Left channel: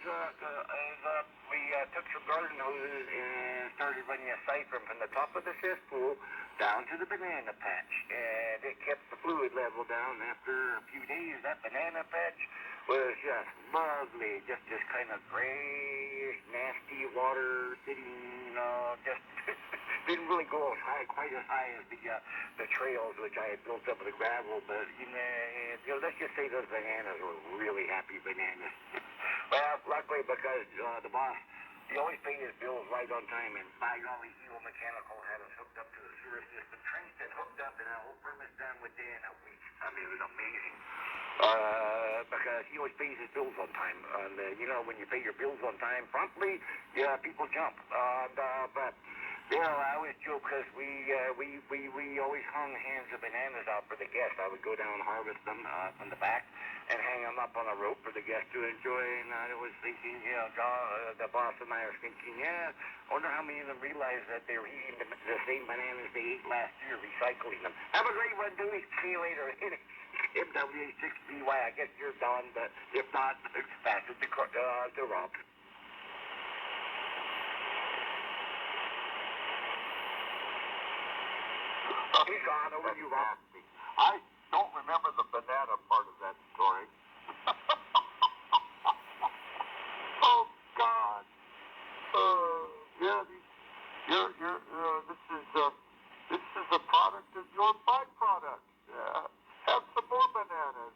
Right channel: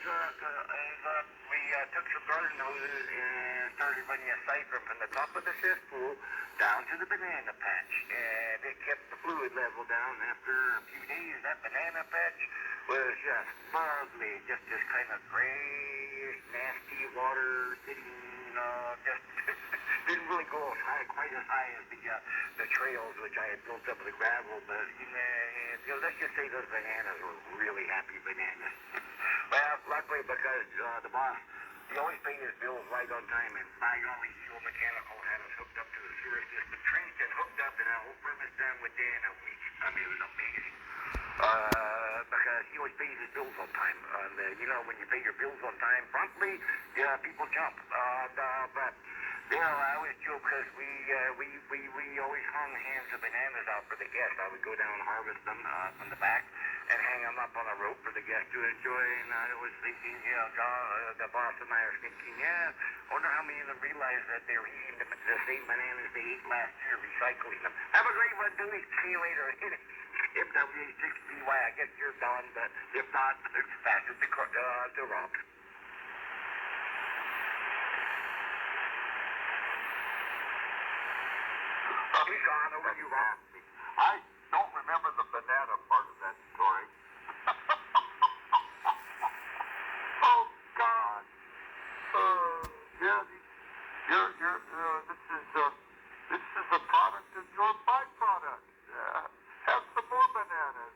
we took some garden hoses and started running a siphon from the top of the cesspool down to the banana patch, and it kept the fluid level down. After a few days, that banana patch was just lovely, just kind of grayish, nasty water sitting, just didn't really go as high, quite as high as the trails which I had built up with the gravel, but let's just say those bananas were really happy bananas. Well, luckily because the boss, he always paid his bills right on time, and by golly, Hero Mechanical had us hooked up to the sewer system, trenched and hooked up, and our whole premise done within a week. I mean, it was amazing. Because he always pays his bills on time. And, when you pay your bills on time promptly, yeah, people jump. But I always joke because we always hung hands of bananas out for the guests. I would go down and harvest them from the back and hang them up on a rope for the guests to enjoy. And I was thinking, John, the boss and I are thinking, I wonder how many of them realize that they were eating the same bananas they ate last year, recycling them. Have a great one, Dewey. See you later. Hit it. MWA6BY, I guess you're done, but if not, pass it to Rob. He's gone. Over to you, Rob. I don't remember the banana part of that story. Oh, God. This is a product of your byproduct. Have some more bananas.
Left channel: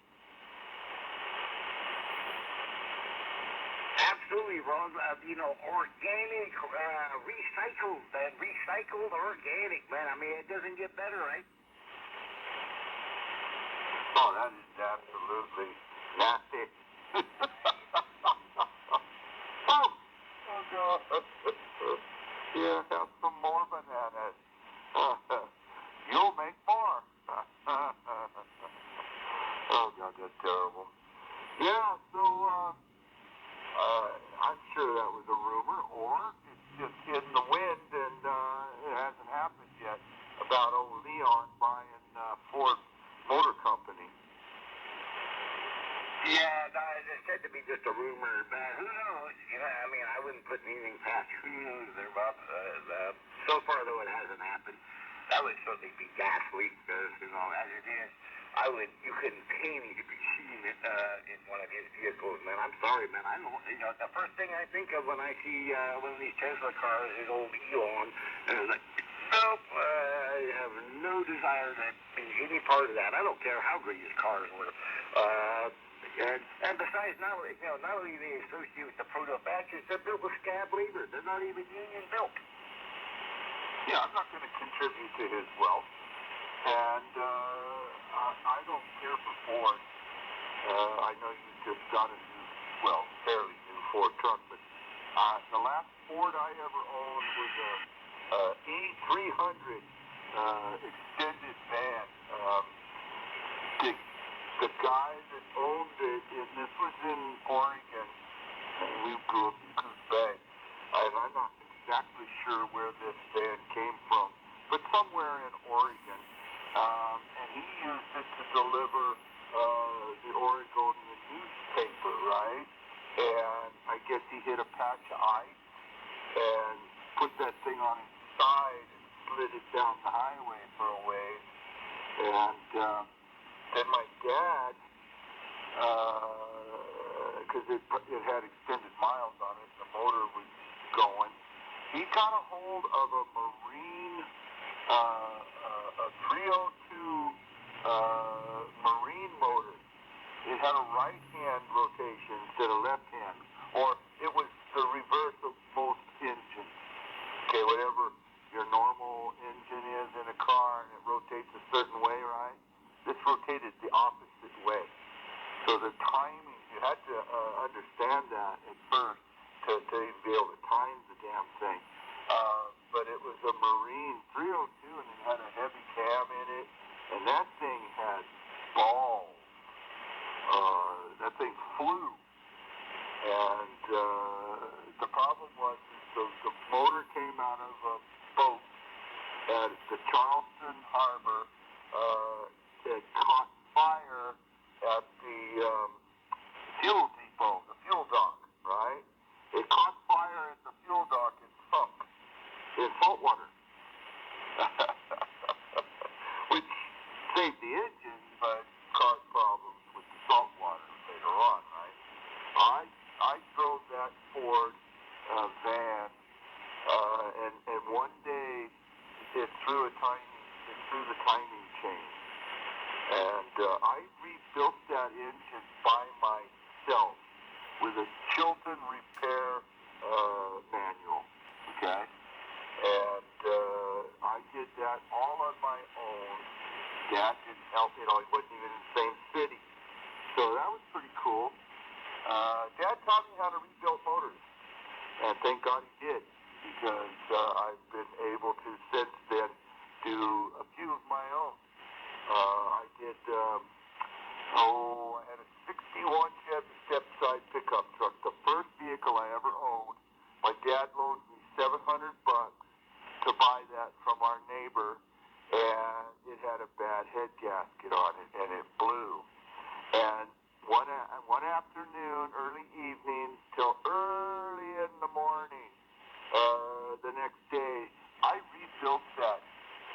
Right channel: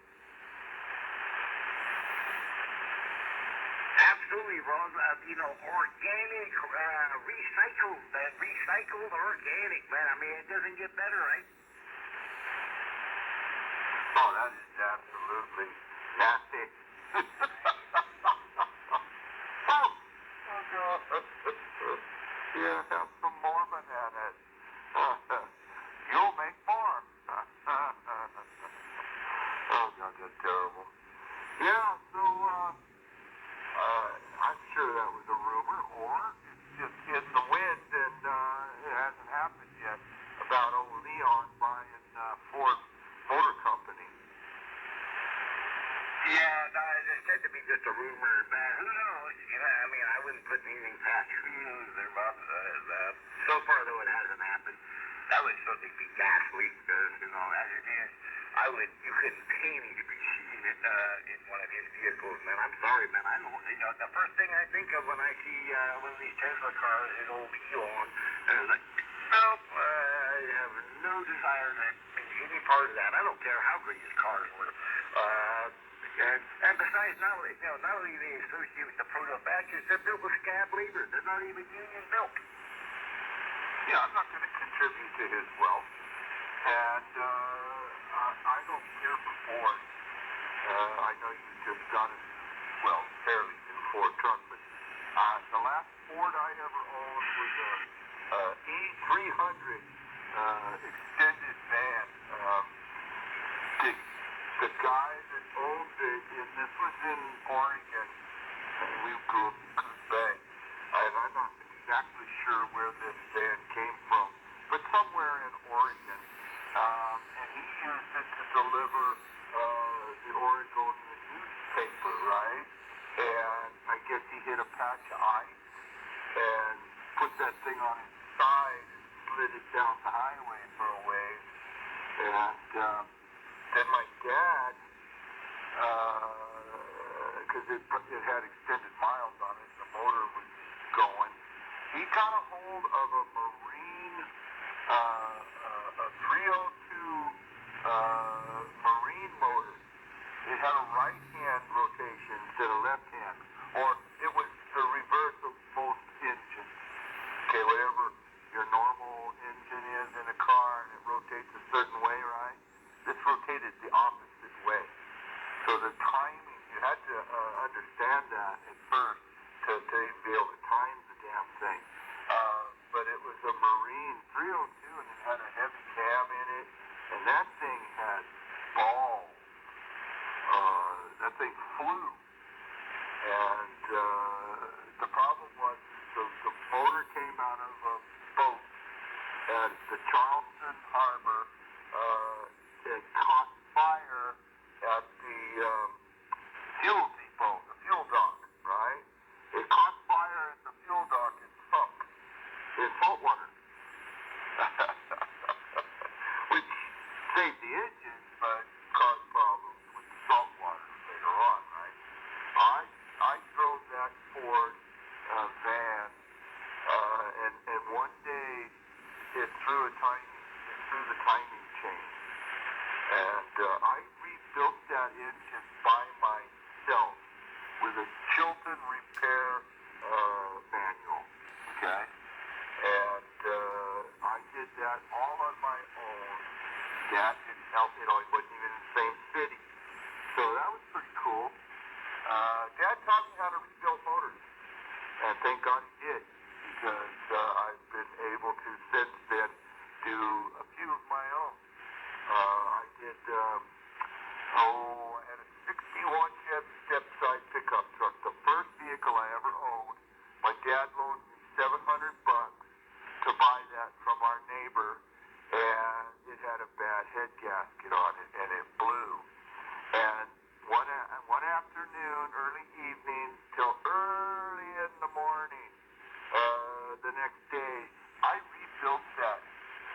Absolutely, Rob. Organic, recycled organic, man. I mean, it doesn't get better, right? Oh, that is absolutely nasty. Oh, God. Yeah, have some more bananas. You'll make more. Oh, God, that's terrible. Yeah, so, I'm sure that was a rumor, or it's just in the wind and it hasn't happened yet about old Leon buying Ford Motor Company. Yeah, no, it's said to be just a rumor, but who knows? I wouldn't put anything past who knows there, Bob. So far, though, it hasn't happened. That would certainly be ghastly, because, as it is, you couldn't pay me to be seeing it in one of his vehicles, man. I'm sorry, man. I don't, the first thing I think of when I see one of these Tesla cars is old Elon, and it's like, nope, I have no desire to be any part of that. I don't care how great his cars were. And besides, not only they associate with the proto-fascists, they're built with scab labor. They're not even union built. Yeah, I'm not going to contribute to his wealth, and I don't care for Ford. I know you just got a fairly new Ford truck, but the last Ford I ever owned was a E300 extended van. The guy that owned it, and this was in Oregon, and we grew up in Coos Bay, and I'm not exactly sure where this van came from, but somewhere in Oregon, and he used it to deliver the Oregonian newspaper, right? And I guess he hit a patch of ice and put that thing on his side and slid it down the highway for a ways, and then my dad, because it had extended miles on it, the motor was going, he got a hold of a Marine, a 302 Marine motor. It had a right-hand rotation instead of left-hand, or it was the reverse of most engines. Okay, whatever your normal engine is in a car and it rotates a certain way, right? This rotated the opposite way. So the timing, you had to understand that at first to be able to time the damn thing. But it was a Marine 302 and it had a heavy cab in it, and that thing had balls. That thing flew. And the problem was the motor came out of a boat at the Charleston Harbor. It caught fire at the fuel depot, the fuel dock, right? the timing chain. And I rebuilt that engine by myself with a Chilton repair manual, okay? And I did that all on my own. Dad didn't help, he wasn't even in the same city. So that was pretty cool. Dad taught me how to rebuild motors, and thank God he did, because I've been able to since then do a few of my own. I did, I had a 61 Chevy step-side pickup truck, the first vehicle I ever owned. My dad loaned me $700 to buy that from our neighbor, and it had a bad head gasket on it, and it blew. And one afternoon, early evening, till early in the morning, the next day, I rebuilt that.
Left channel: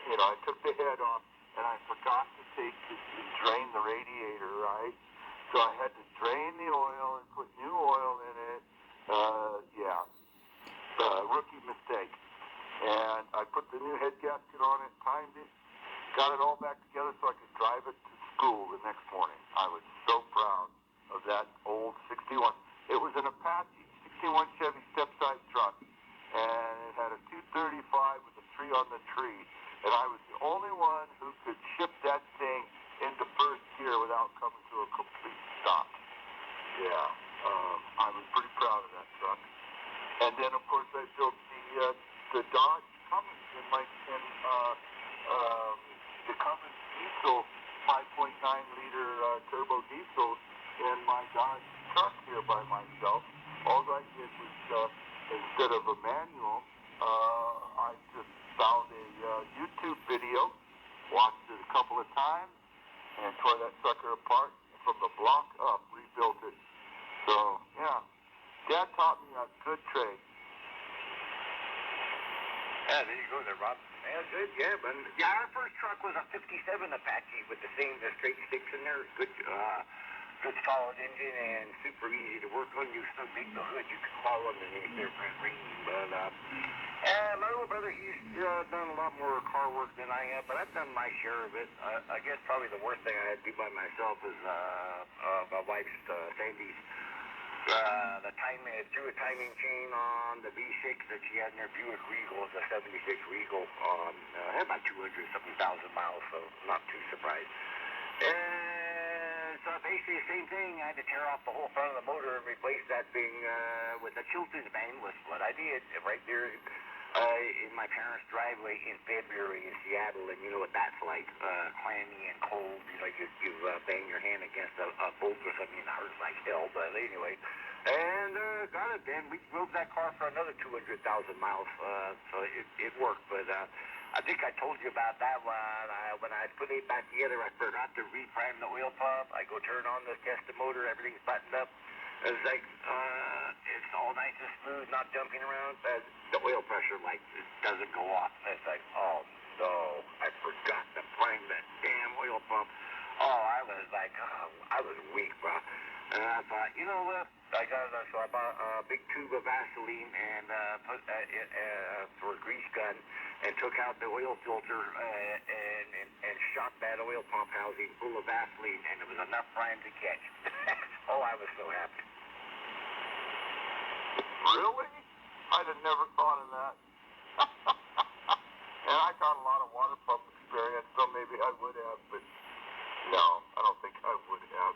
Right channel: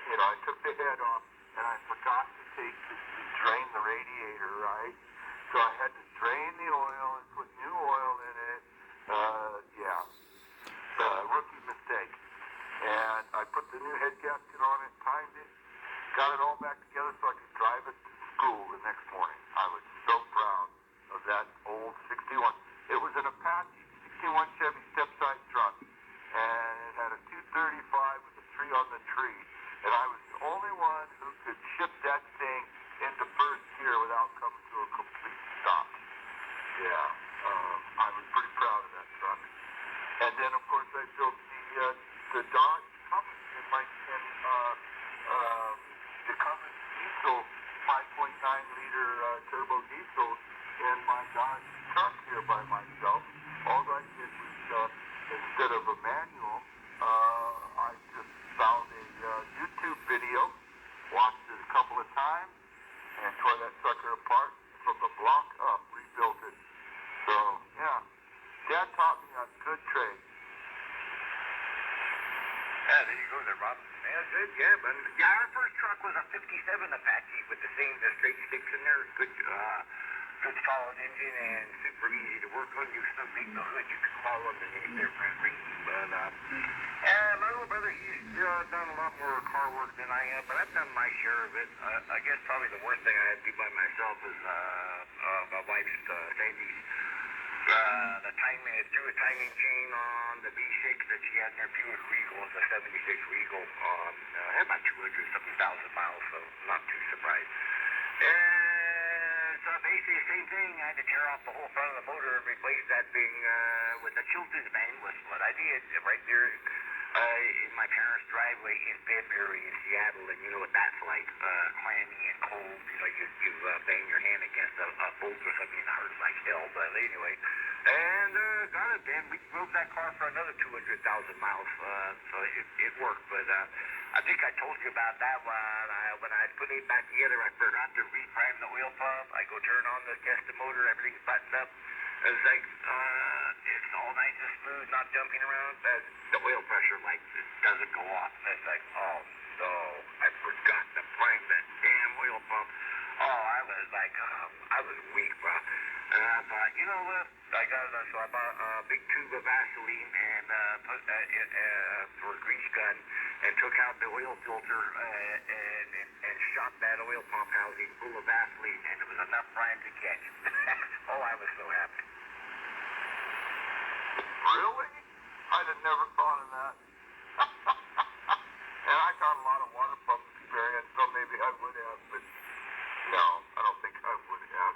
I took the head off, and I forgot to drain the radiator, right? So I had to drain the oil and put new oil in it. Rookie mistake. And I put the new head gasket on it, timed it, got it all back together so I could drive it to school the next morning. I was so proud of that old 61. It was an Apache 61 Chevy step-side truck, and it had a 235 with a 3 on the tree. And I was the only one who could shift that thing into first gear without coming to a complete stop. I was pretty proud of that truck. And then, of course, I built the Dodge Cummins the Cummins diesel 5.9-liter turbo diesel in my Dodge truck here by myself. All I did was, instead of a manual, I just found a YouTube video, watched it a couple of times, and tore that sucker apart from the block up, rebuilt it. So, Dad taught me a good trade. Yeah, there you go there, Rob. Yeah, good, but our first truck was a 57 Apache with the same straight sticks in there. Good solid engine and super easy to work on. You so big the hood, you could crawl underneath there for free. But my little brother, he's done a lot more car work than I have, but I've done my share of it. I guess probably the worst thing I had to do by myself is my wife's Sandy's. The timing, threw a timing chain on the V6 that she had in her Buick Regal. It's a 76 Regal. Had about 200-something thousand miles, so not too surprised. And so basically the same thing. I had to tear off the whole front of the motor and replace that thing with a Chilton band, was what I did right there in my parents' driveway in February in Seattle. And you know what that's like, clammy and cold. You bang your hand against a bolt or something, it hurts like hell. But anyway, and got it then. We drove that car for another 200,000 miles, so it worked. But I think I told you about that when I put it back together. I forgot to reprime the oil pump. I go turn on the test the motor, everything's buttoned up. It's like it's all nice and smooth, not jumping around. The oil pressure doesn't go off. It's like, oh no, I forgot to prime that damn oil pump. Oh, I was like, I was weak, bro. And I thought, you know what? So I bought a big tube of Vaseline and put for a grease gun and took out the oil filter and shot that oil pump housing full of Vaseline, and it was enough prime to catch. Oh, I was so happy. Really? I'd have never thought of that. And I got a lot of water pump experience, so maybe I would have, but no, I don't think I would have.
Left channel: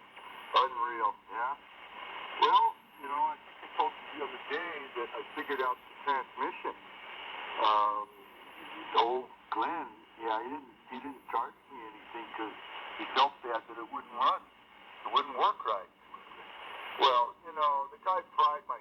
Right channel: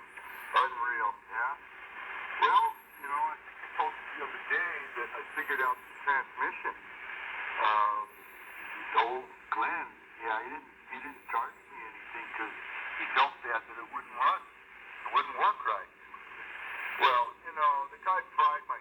Unreal, yeah? Well, I think I told you the other day that I figured out the transmission. Old Glenn, he didn't charge me anything because he felt bad that it wouldn't run. It wouldn't work right. Well, the guy fried my